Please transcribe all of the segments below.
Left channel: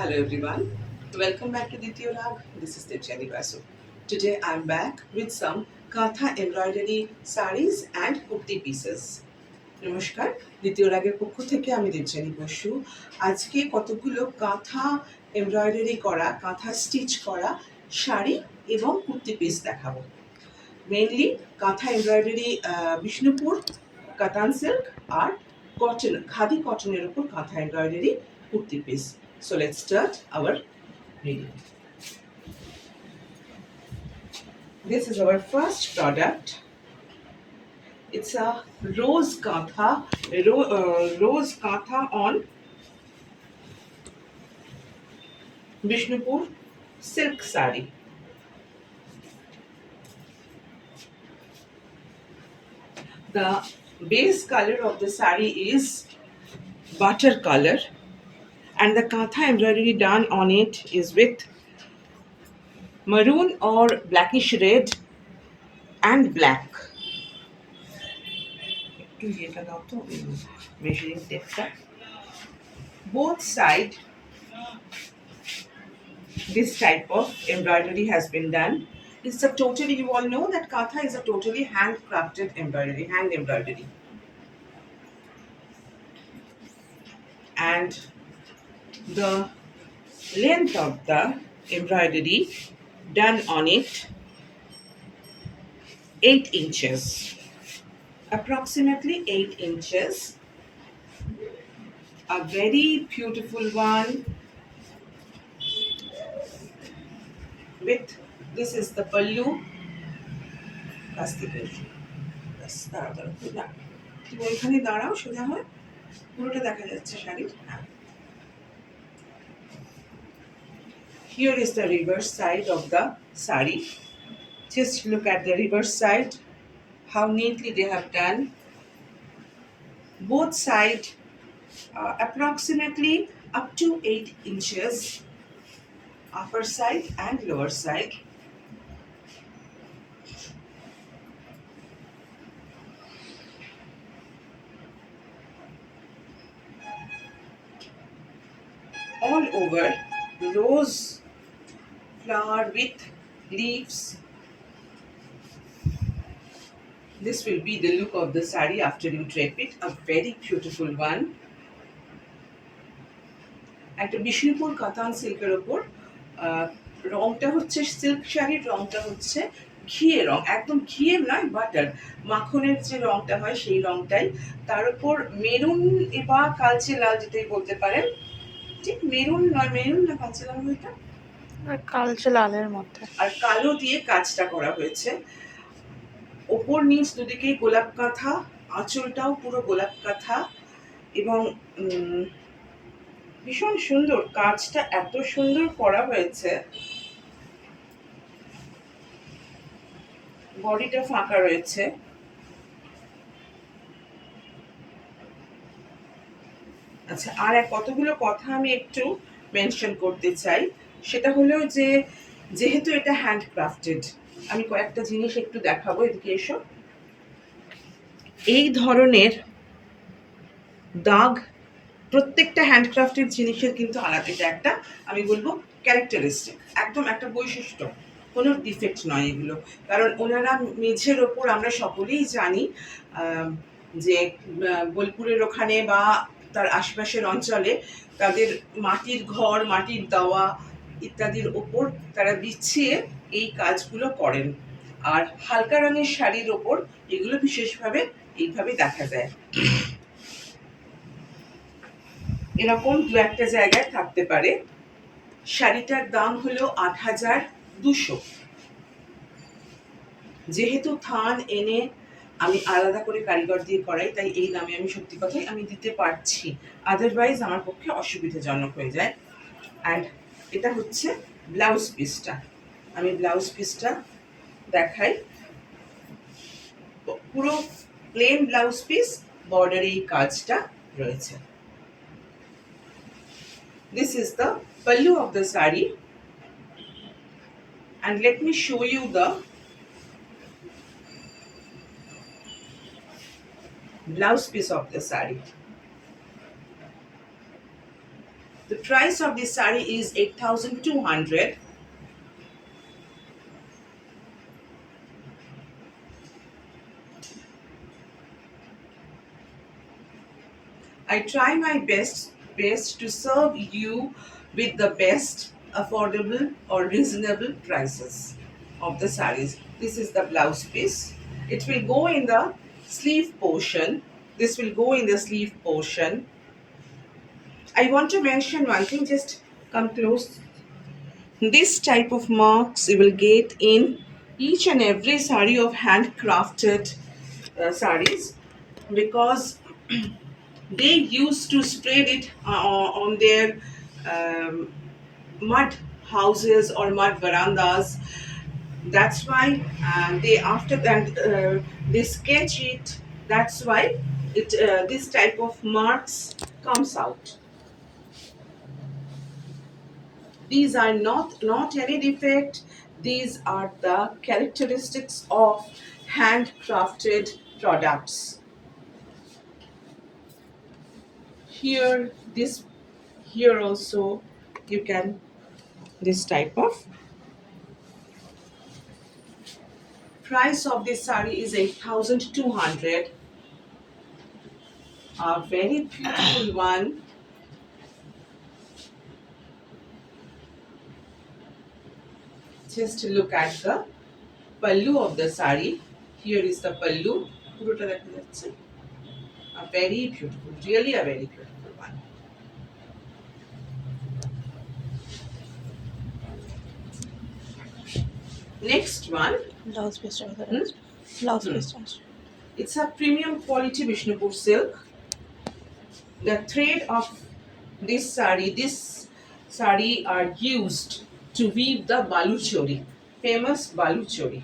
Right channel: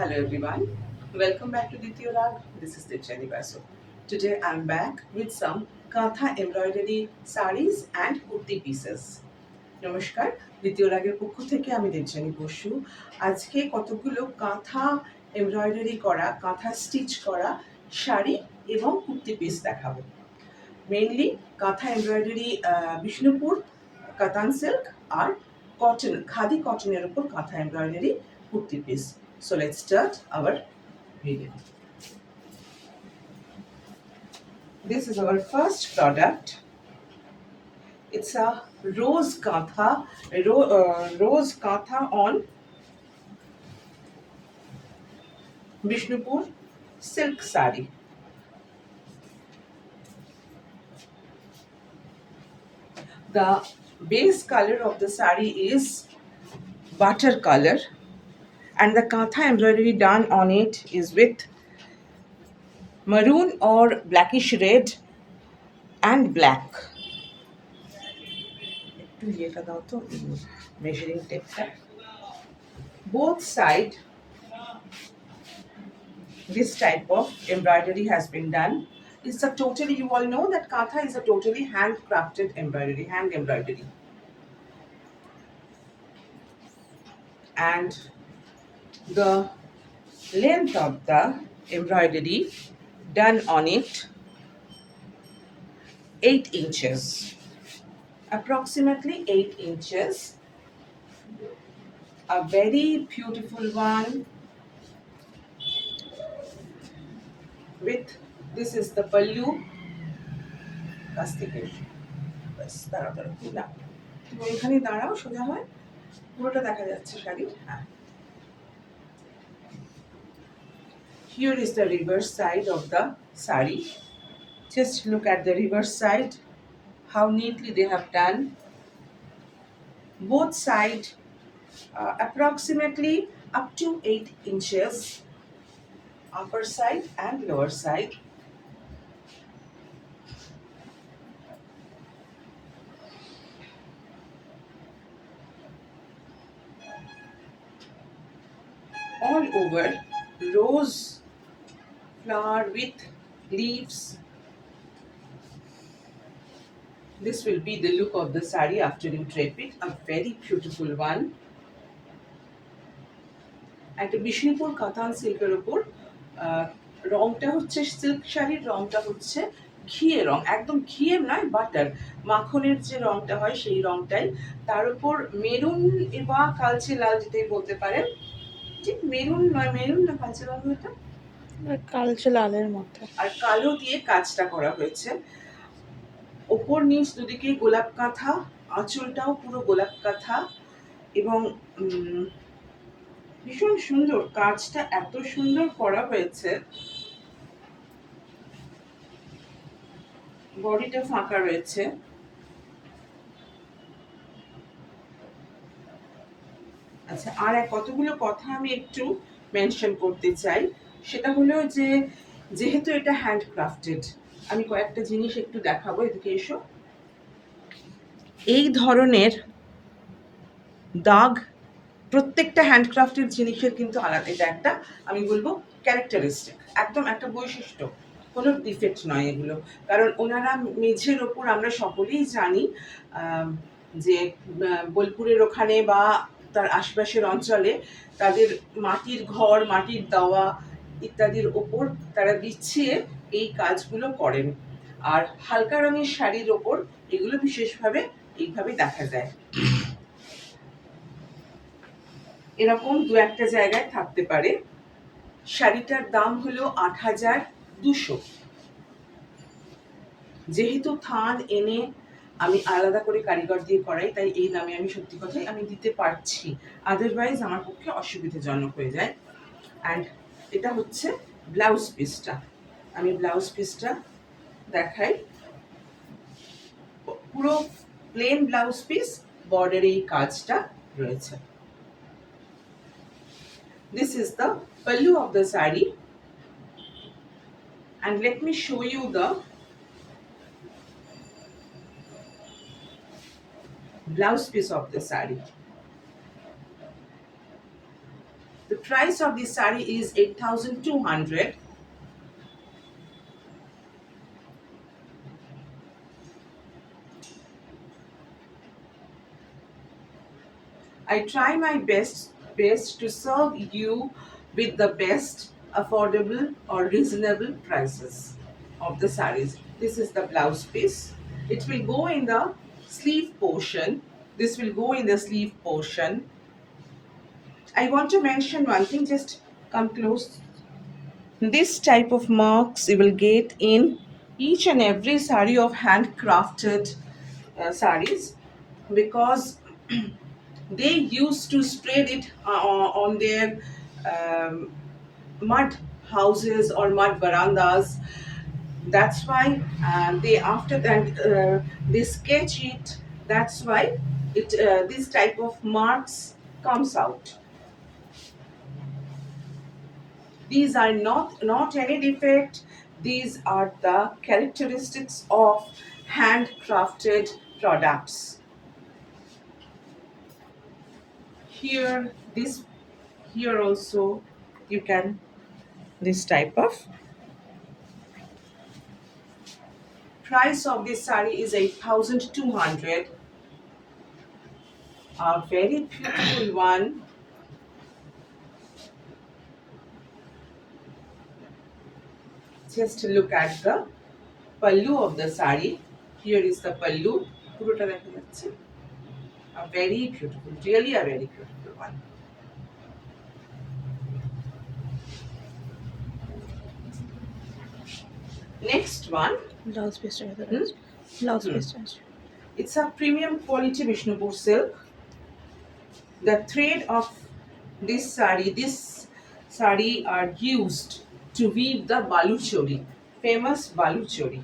Hello everyone, welcome back to Ditya Rag. This is Dipchani Basu. Today I am back with some Katha embroidery sarees and kurti pieces. নমস্কার, দ্বিতীয় রাগের পক্ষ থেকে আমি দেবযানী বসু। আজকে কতগুলো কাঁথা এমব্রয়ডারি করা, কাঁথা স্টিচ করা শাড়ি এবং কুর্তি পিস দেখাবো। মেইনলি কাঁথা এমব্রয়ডারি বিষ্ণুপুর কাতান সিল্ক আর কটন, খাদি কটনের উপর কাঁথা এমব্রয়ডারি kurti piece. So let's start our video. This is our first product. It's a rose katha on Vishnupur silk sari. The base color of the sari is butter color, and the katha embroidery done on it is with maroon or blackish red and black. একটু ইয়েটা দাও তো, মেজারিং টেপটা। Both side this type of embroidery has been done. It's a totally, you all know that katha is a totally handcrafted embroidery, hand embroidery. And the length of the embroidery done on it 8 inches, approximately 8 inches. A very beautiful one with, this is the pallu. তুমি ওইখানে দাঁড়াও, সোজা হয়, পুরোটা দেখা যাচ্ছে শাড়ির। হ্যাঁ, here is the reverse side of the sari. Just look at the reverse side, how neatly they have done. Both side approximately up to 8 inches, upper side and lower side. All over rose flower with leaves. This will be the look of the sari after you drape it. A very beautiful one. একটা বিষ্ণুপুর কাতান সিল্কের উপর রংটা হচ্ছে, সিল্ক শাড়ির রংটা হচ্ছে ঘিয়ে রং, একদম ঘিয়ে নয়, বাটার মাখনের যে রংটা হয় সেই রংটাই। তার উপর মেরুন বা কালচে লাল, যেটাই বলতে পারেন, ঠিক মেরুন নয়, মেরুন না কালচে লাল, এটা কালচে লালের মধ্যে, আর কালো দিয়ে কাজটা করা হয়েছে। ওপর নিচ দুদিকেই গোলাপ কাঁথা, আঁচলটাও পুরো গোলাপ কাঁথা, এবং ভীষণ সুন্দর কাজটা, এত সুন্দর করা হয়েছে। বডিটা ফাঁকা রয়েছে। আচ্ছা, আর কতগুলো কথা আমি একটু মেনশন করতে চাই। সেটা হলো যে, যেহেতু এটা হ্যান্ডক্রাফটেড, আমি কয়েকটা জিনিস একটু দেখাবো। এদিকে এসো। এই ধরনের দাগ প্রত্যেকটা হ্যান্ডক্রাফটেড জিনিসের কিন্তু আলাদা। এটা একটা, আমি বলবো, ক্যারেক্টারিস্টিক, একদম একটা বৈশিষ্ট্য, কোনো ডিফেক্ট নয় এগুলো। কারণ ওনারা মেঝের ওপর, আমরা সকলেই জানি যে বোলপুরের ওখানে বা তার আশেপাশের অঞ্চলে তাদের মাটির ঘর, মাটির দাওয়া ইত্যাদির ওপর তারা বিছিয়ে এই কাজগুলো করেন। আর হালকা রঙের শাড়ির ওপর এগুলো বিশেষভাবে এইভাবে দেখা যায়। এরকম দু একটা জায়গায় থাকতে পারে। শাড়িটার দাম হলো ৮,২০০। যেহেতু থান এনে আমি আলাদা করে কারিগর দিয়ে করাই, তাই এই দামে আমি সত্যি কথাই আমি দিতে পারছি, আদারওয়াইজ আমার পক্ষে অসুবিধাজনক হয়ে যায়। অ্যান্ড এটা হচ্ছে ব্লাউজ পিসটা। আমি ব্লাউজ পিসটা দেখাই। পুরো প্লেন ব্লাউজ পিস, বর্ডারে এই কাজটা রয়েছে। This is the pallu of the sari, and let me show you the blouse piece of the sari. The price of this sari is 8,200. I try my best to serve you with the best affordable or reasonable prices of the saris. This is the blouse piece. It will go in the sleeve portion. This will go in the sleeve portion. I want to mention one thing, just come close. This type of marks you will get in each and every sari of handcrafted saris, because they used to spread it on their um, mud houses or mud verandas. That's why they after that they sketch it. That's why it this type of marks comes out. These are not any defect. These are the characteristics of handcrafted products. Here, this here also you can this type of price of this sari is 8,200. A very beautiful one. Just look at the pallu of the sari. Here is the pallu. পুরোটা দেখা যাচ্ছে। A very beautiful, really a very beautiful one. Next one, blouse পিসটা কোথায় আছে? Blouse Hmm. পিসটা আছে। it's a premium quality Vishnupur silk. The thread of this sari are used to weave the baluchori, famous baluchori.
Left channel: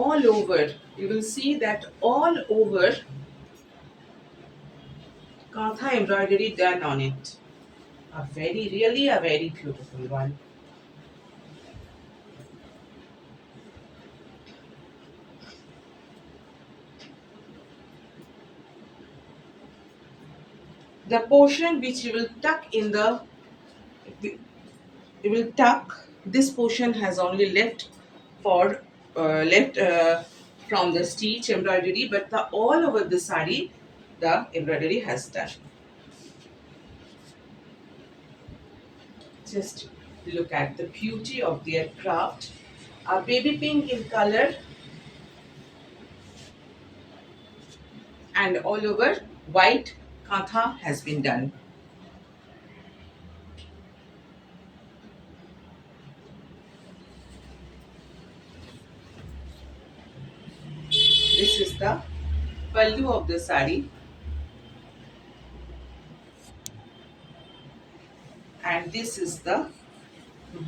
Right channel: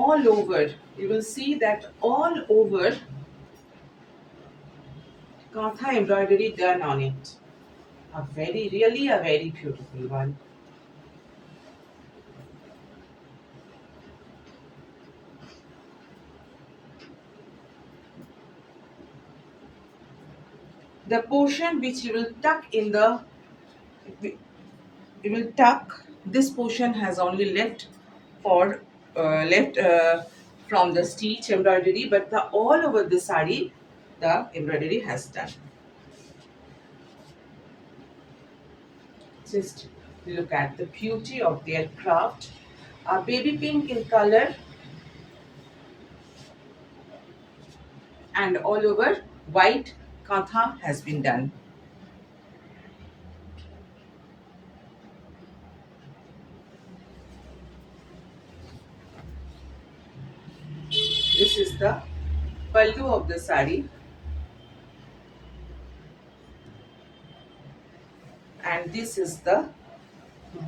All over, you will see that all over Kantha embroidery done on it. Really a very beautiful one. The portion which you will tuck in the, you will tuck, this portion has only left for left from the stitch embroidery, but the all over the sari the embroidery has done. Just look at the beauty of their craft. A baby pink in color and all over white kantha has been done. This is the pallu of the sari, and this is the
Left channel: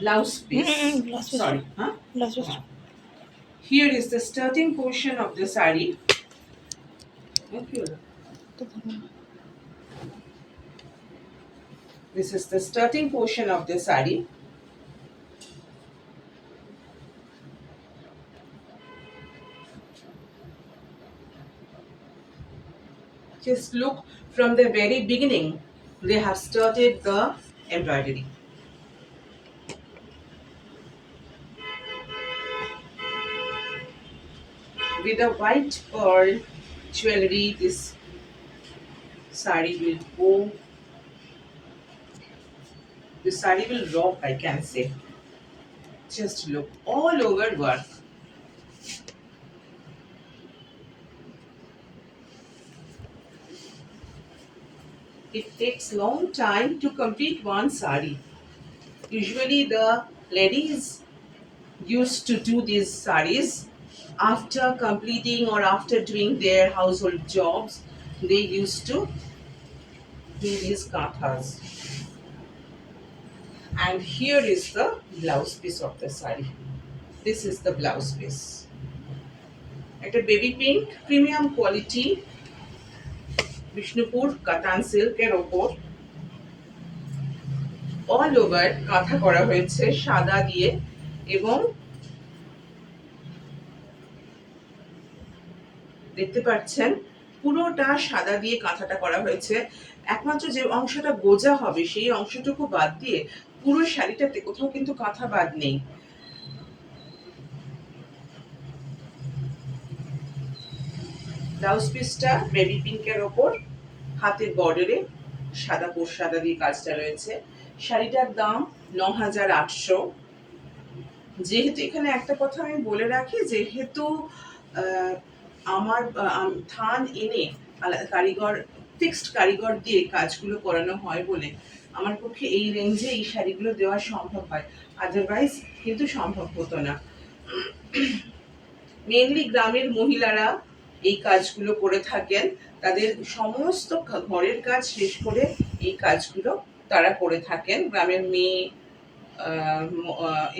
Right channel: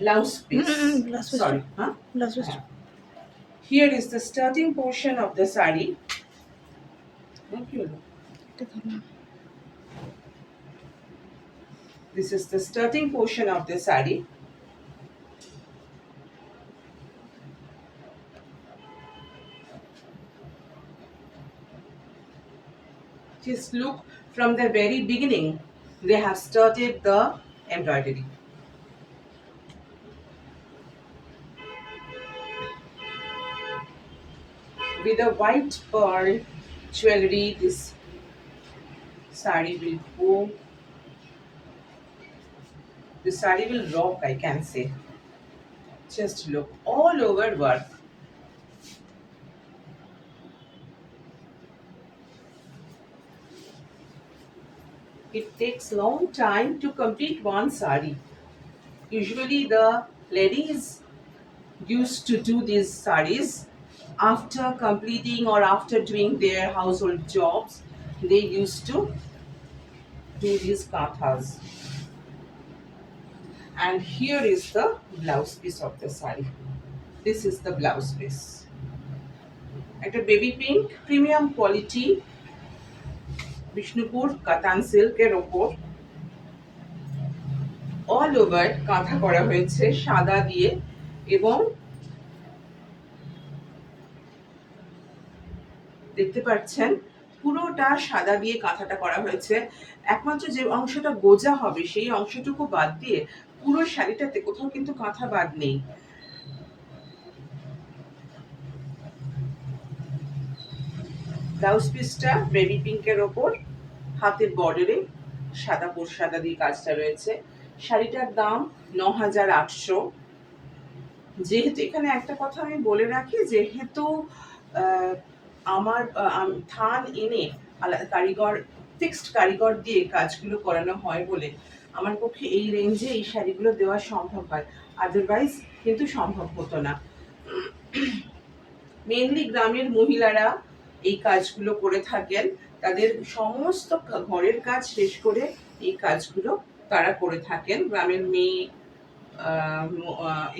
blouse piece. Blouse piece. Sorry, huh? Blouse পিসটা। Here is the skirting portion of the sari. Thank you. এটা ধরুন। This is the skirting portion of the sari. Just look, from the very beginning, they have started the embroidery. With a white pearl jewelry, this sari will go. The sari will rock, I can say. Just look, all over work. It takes long time to complete one sari. Usually the ladies used to do these saris after completing or after doing their household jobs. They used to do these kathas. And here is the blouse piece of the sari. This is the blouse piece. Like a baby pink, premium quality Vishnupur Katan silk এর ওপর all over কাঁথা করা হয়েছে সাদা দিয়ে, এবং দেখতে পাচ্ছেন পুরোটা সাদা দিয়ে কাঁথাটা করা হয়েছে। একমাত্র যে অংশটা গোজা হবে সেই অংশটুকু বাদ দিয়ে পুরো শাড়িটাতে কোথাও কিন্তু কাঁথা বাদ নেই। ব্লাউজ পিসটা বেবি পিঙ্কের ওপর হাতের বর্ডারে সাদা দিয়ে কাজটা রয়েছে। শাড়িটার দাম ৯,৮০০। যেহেতু এখানে একটা কথা আমি বলে রাখি, যেহেতু আমার থান এনে কারিগর ফিক্সড কারিগর দিয়ে কাজগুলো করানো হয় বলে আমার পক্ষে এই রেঞ্জে এই শাড়িগুলো দেওয়া সম্ভব হয়, আদারওয়াইজ কিন্তু সম্ভব হতো না। মেইনলি গ্রামের মহিলারা এই কাজগুলো করে থাকেন, তাদের সমস্ত ঘরের কাজ শেষ করে এই কাজগুলো তারা করে থাকেন। গ্রামের মেয়ে,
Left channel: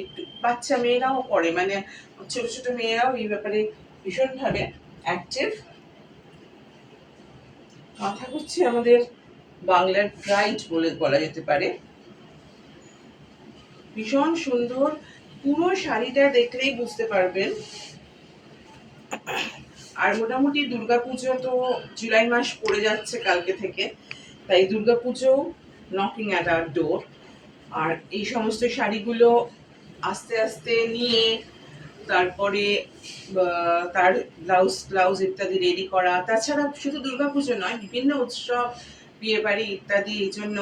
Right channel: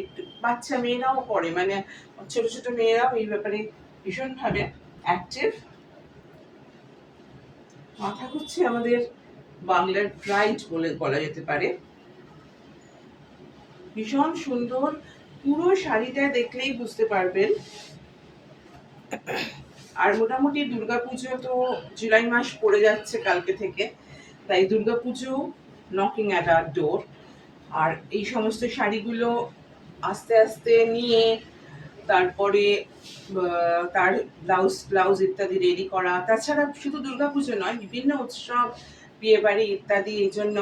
একটু বাচ্চা মেয়েরাও করে, মানে ছোট ছোট মেয়েরাও এই ব্যাপারে ভীষণভাবে অ্যাক্টিভ। কথা হচ্ছে আমাদের বাংলার প্রাইড বলে বলা যেতে পারে। ভীষণ সুন্দর, পুরো শাড়িটা দেখলেই বুঝতে পারবেন। আর মোটামুটি দুর্গাপুজো তো জুলাই মাস পড়ে যাচ্ছে কালকে থেকে, তাই Durga Puja knocking at our door. আর এই সমস্ত শাড়িগুলো আস্তে আস্তে নিয়ে তারপরে তার ব্লাউজ ইত্যাদি রেডি করা, তাছাড়া শুধু দুর্গাপুজো নয়, বিভিন্ন উৎসব, বিয়ে বাড়ি ইত্যাদি, এই জন্য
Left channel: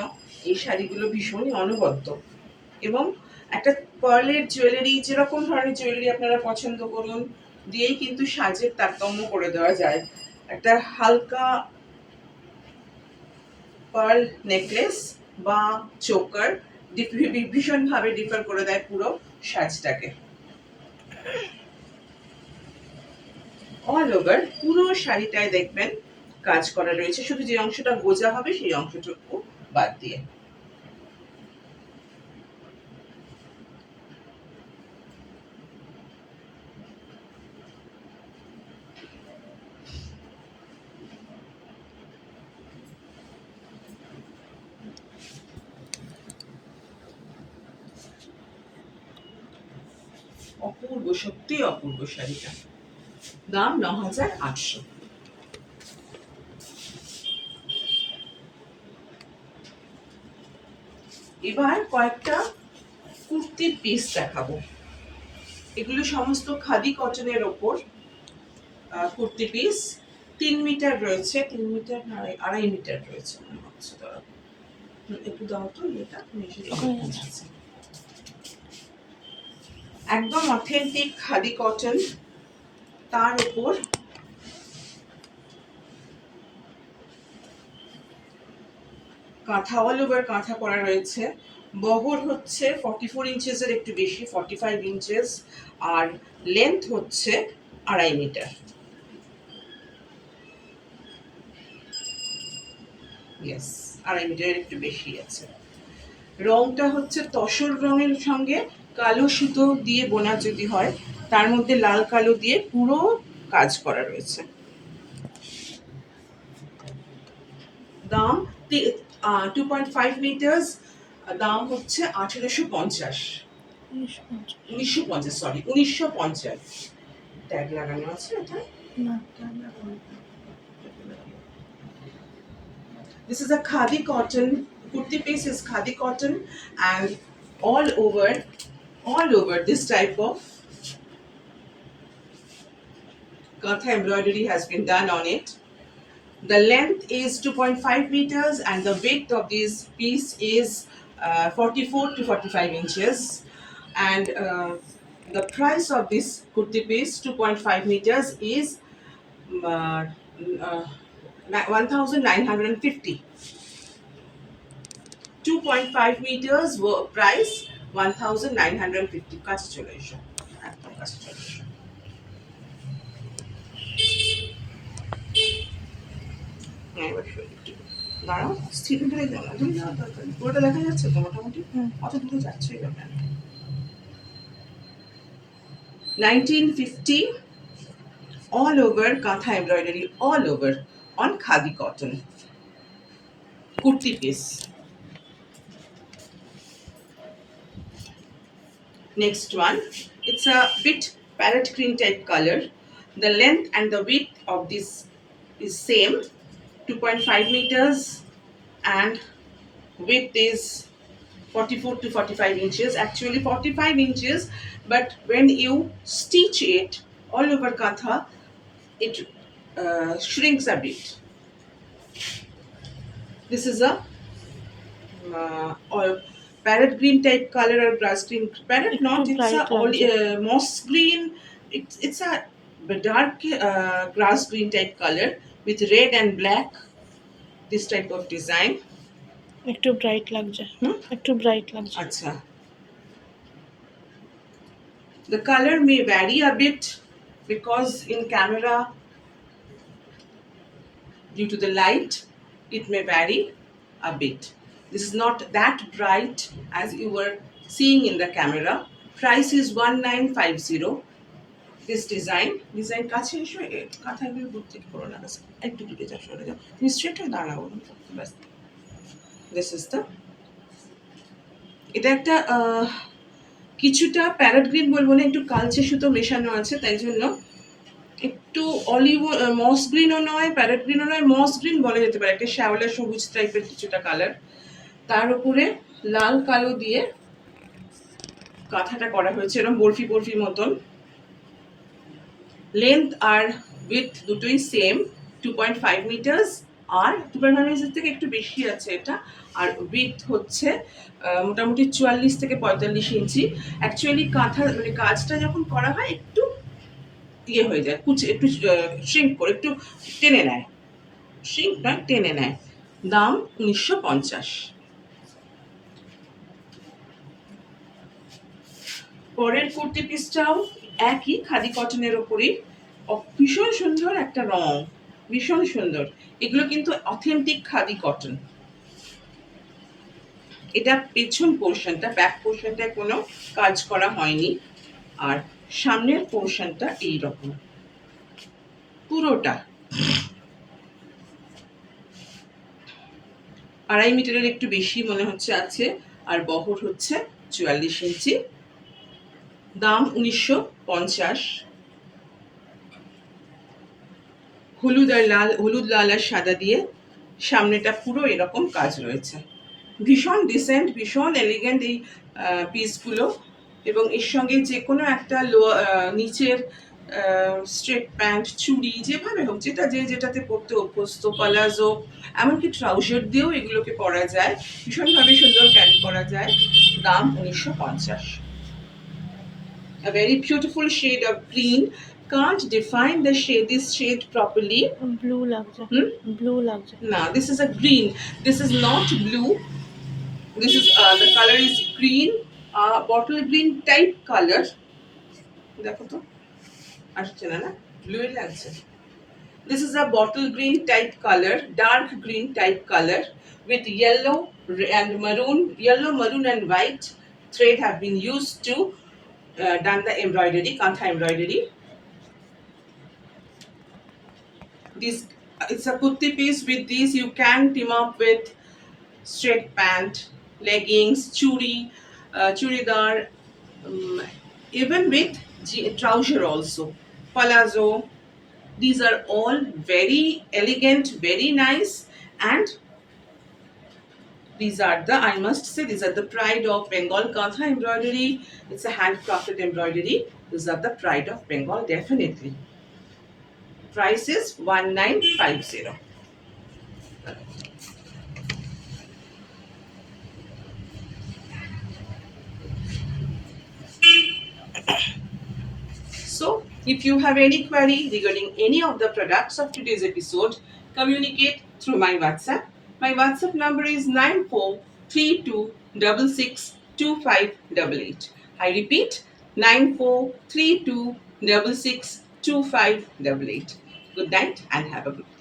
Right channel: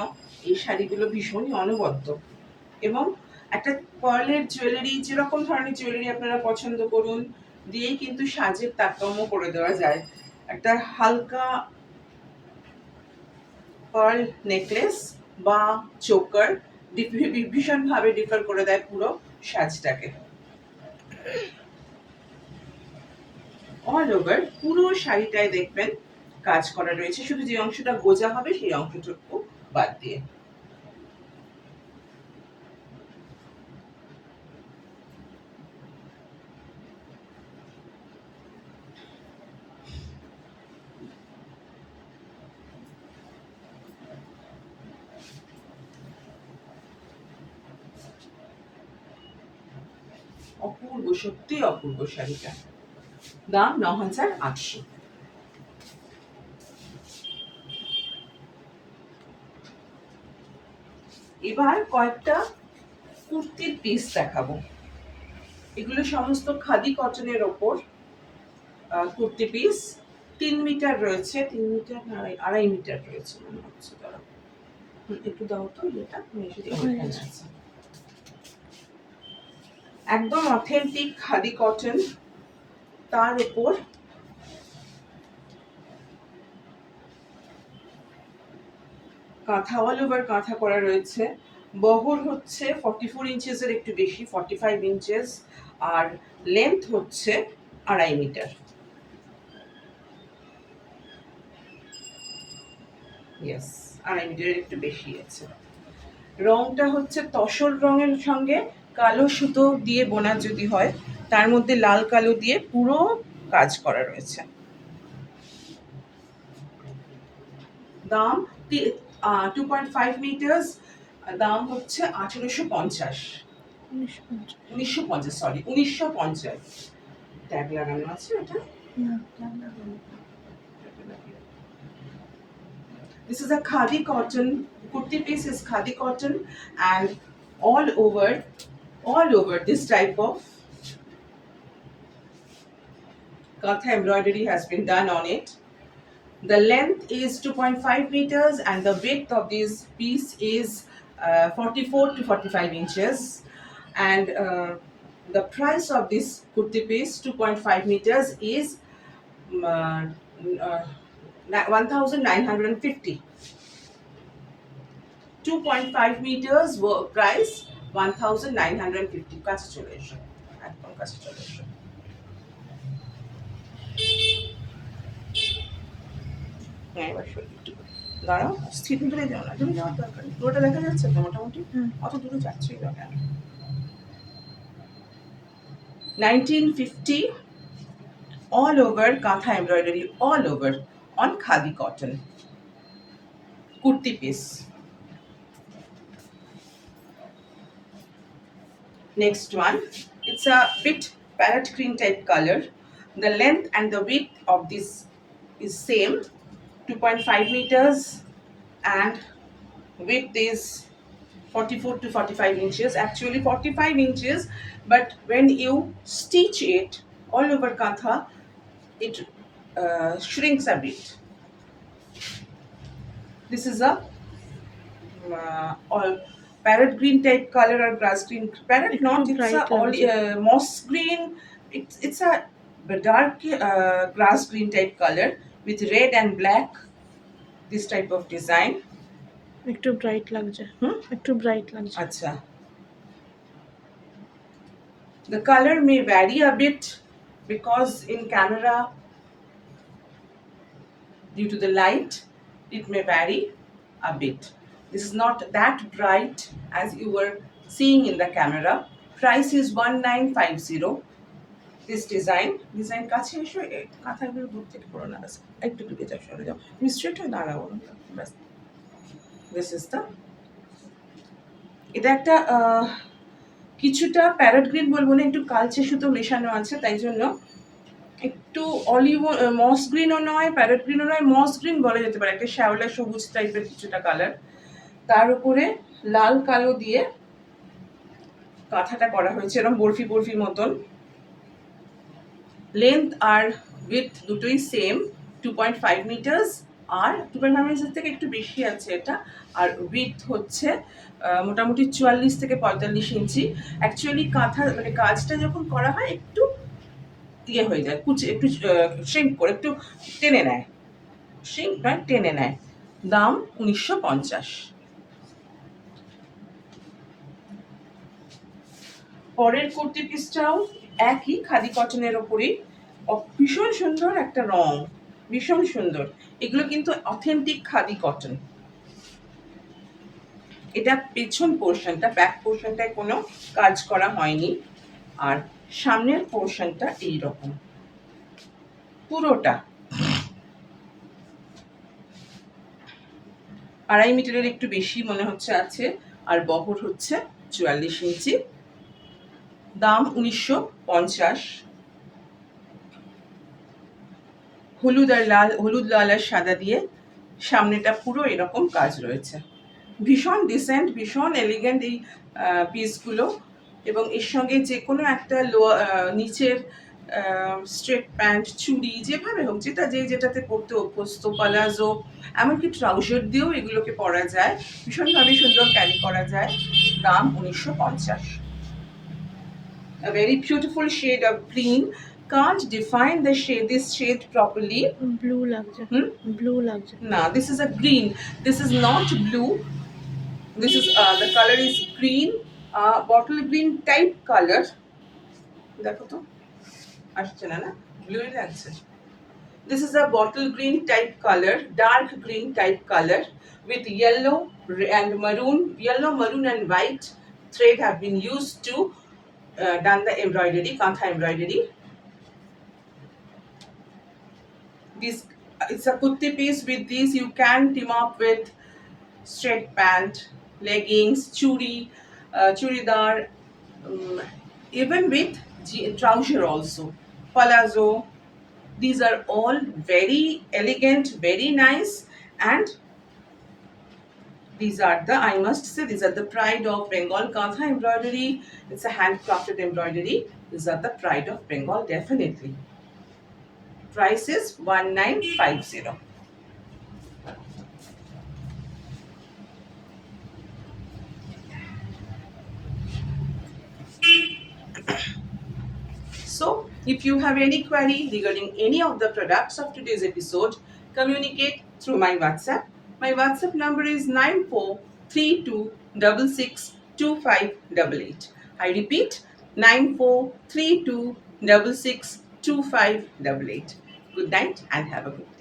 এই শাড়িগুলো ভীষণই অনবদ্য। এবং একটা পার্লের জুয়েলারি, যেরকম ধরনের জুয়েলারি আপনারা পছন্দ করুন, দিয়েই কিন্তু সাজের তারতম্য করে দেওয়া যায়। একটা হালকা পার্ল নেকলেস বা চোকার ভীষণভাবে ডিফার করে দেয় পুরো সাজটাকে। অল ওভার পুরো শাড়িটায় দেখবেন কাজ করা রয়েছে, শুধু যে অংশটা গোজা হবে সেই অংশটুকু বাদ দিয়ে। অপূর্ব, সত্যি অপূর্ব শাড়িটা। দাম ৯,৮০০। এবার কয়েকটা কুর্তির পিস দেখাবো। এগুলো সমস্ত খাদি কটনের ওপর কুর্তি পিস। ৩ মিটার রয়েছে, ৩ মিটার না ২.৫ মিটার রয়েছে মনে হচ্ছে। ধরো একটু দাও তো এটা, একদম অথেন্টিক খাদি কটন, তার উপর কাঁথা, অল ওভার কাঁথা করা রয়েছে। বহর হচ্ছে 44 ইঞ্চেসের একটু বেশি, 45 ইঞ্চেস, আর লেন্থ হচ্ছে ২.৫ মিটার। ইয়েস, ২.৫ মিটারের একটু বেশি আছে। রংটা হচ্ছে তসর রঙের সঙ্গে কালো সুতো দিয়ে বোনা যদি হয়, তার মধ্যে লাল কালো দিয়ে পুরো কাজ করা রয়েছে। দাম 2.5 মিটার্স, দাম হচ্ছে ১৮৫০। ১৯৫০, সরি ১৯৫০। ট্যাগ লাগানো আছে এটা না। This is a khadi cotton, kurti piece is khadi cotton, and all over this type of katha embroidery has been done on it. The length is 2.5 meters and the width of this piece is 44 to 45 inches. And the price of this kurti piece, 2.5 meters, is 1,950. 2.5 meters price 1,950. কাছে চলে এসো, একদম কাছে চলে এসো। হ্যাঁ, এবার একটু দাঁড়াও, স্থির দূরে যাও না, দূরে যাওয়ার দরকার নেই, পুরোটা দেখা যাচ্ছে তো মোটামুটি, অত দূরে যাচ্ছই ব্যাপার। 1950, all over katha embroidery, all over on khadi cotton kurti piece. Next one, it's a bit parrot green type color. The length and the width of this is same, 2.5 meters, and width is 44 to 45 inches, actually 45 inches, but when you stitch it all over kantha, it shrinks a bit. This is a or parrot green type color or grass green. Parrot একটু not, it's a bright লাগছে। moss green. It's a dark grass green type color with red and black. This type of design. একটু ব্রাইট লাগছে। Hmm? একটু ব্রাইট লাগছে। Acha. The color may vary a bit because in camera, due to the light, it may vary a bit. This is not that bright as you were seeing in the camera. Price is 1950. This design কাছে এসো, কাঁথাগুলো দূর থেকে পড়ো না, ব্যাস একটু দূরে যাও, সরে যাও, তুমি স্ট্রেট হয়ে দাঁড়াও, ব্যাস। দিস ইজ দ্য, এটা একটা কিছুটা প্যারট গ্রিন বলবো না, একটু কালচে সুতো মেশানো আছে, তাই জন্য একটু অলিভ মস গ্রিনও নয়, প্যারট গ্রিনও নয়, মস গ্রিন বলা যেতে পারে, একটা শ্যাওলা সবুজ টাইপের কিছুটা কালার। তার উপরে লাল কালো দিয়ে কাঁথাটা করা হয়েছে এরকম বরফি বরফি মতন। লেন্থ আর উইথ দুটোই সেম, 2.5 মিটার্স, আর 2.5 মিটার থেকে একটু বেশি আছে এটা। আর উইথ হচ্ছে মোটামুটি 44 থেকে 45 ইঞ্চি। অ্যাকচুয়ালি কাঁথা মানে কাজটা যখন করা হয় একটু ইয়ে হয়ে যায়, একটু শ্রিঙ্ক করে, একটু টেনে নেয়, শ্রিঙ্ক নয় টেনে নেয়। দাম 1950। পরের কুর্তি পিসটাও একই খাদি কটনের ওপরই, ভীষণ সুন্দর একটা রং, ভীষণ সুন্দর। এগুলো কিন্তু অথেন্টিক খাদি কটন। এটা পেছন পোর্শনটা, ব্যাক পোর্শনটায় কোনো কাজ করা হয়নি, আর সামনের পোর্শনটা এইরকম পুরোটা। 2.5 মিটারের একটু বেশি মনে হচ্ছে আছে, আর বহর হচ্ছে 44 ইঞ্চি। দাম 1950। হলুদ লাল আর সাদা দিয়ে সামনেটা পুরো এরকম কাজ রয়েছে। ভীষণ ডিসেন্ট, ভীষণ এলিগেন্ট এই পিসগুলো, এবং এর সঙ্গে যে কোনো একটা নিচের স্ট্রেট প্যান্ট, চুড়ি, যেভাবে হোক, যেটাতে পরতে অভ্যস্ত, পালাজো, এমনকি ট্রাউজার দিয়েও এগুলোকে পরা যায়, ভীষণভাবে সুন্দর ক্যারি করা যায়। দাম 1950। A very beautiful shade of green. Can't define this shade properly. Blue লাগছে। ব্লু লাগছে। No, this is a green. This is not blue. This is the color is green, bottle green type color. দেখো তো আসছে না, না ব্লু লাগছে। This is a bottle green type color, dark green type color with yellow and maroon, and white thread have been used to done the embroidery, kantha embroidery. This it's a kurti piece. With these you can team up with straight pant, leggings, churidar, even with trouser also, palazzo. These are all very elegant, very nice, and these are the, I must say, these are the pride of Bengal kantha embroidery. It's a handcrafted embroidery. These are the pride of Bengal, definitely. Price is 1950. So, if you have any query regarding any of the products of today's episode, communicate through my WhatsApp. My WhatsApp number is 9432662588. I repeat, 9432662588. Good night and have a good day.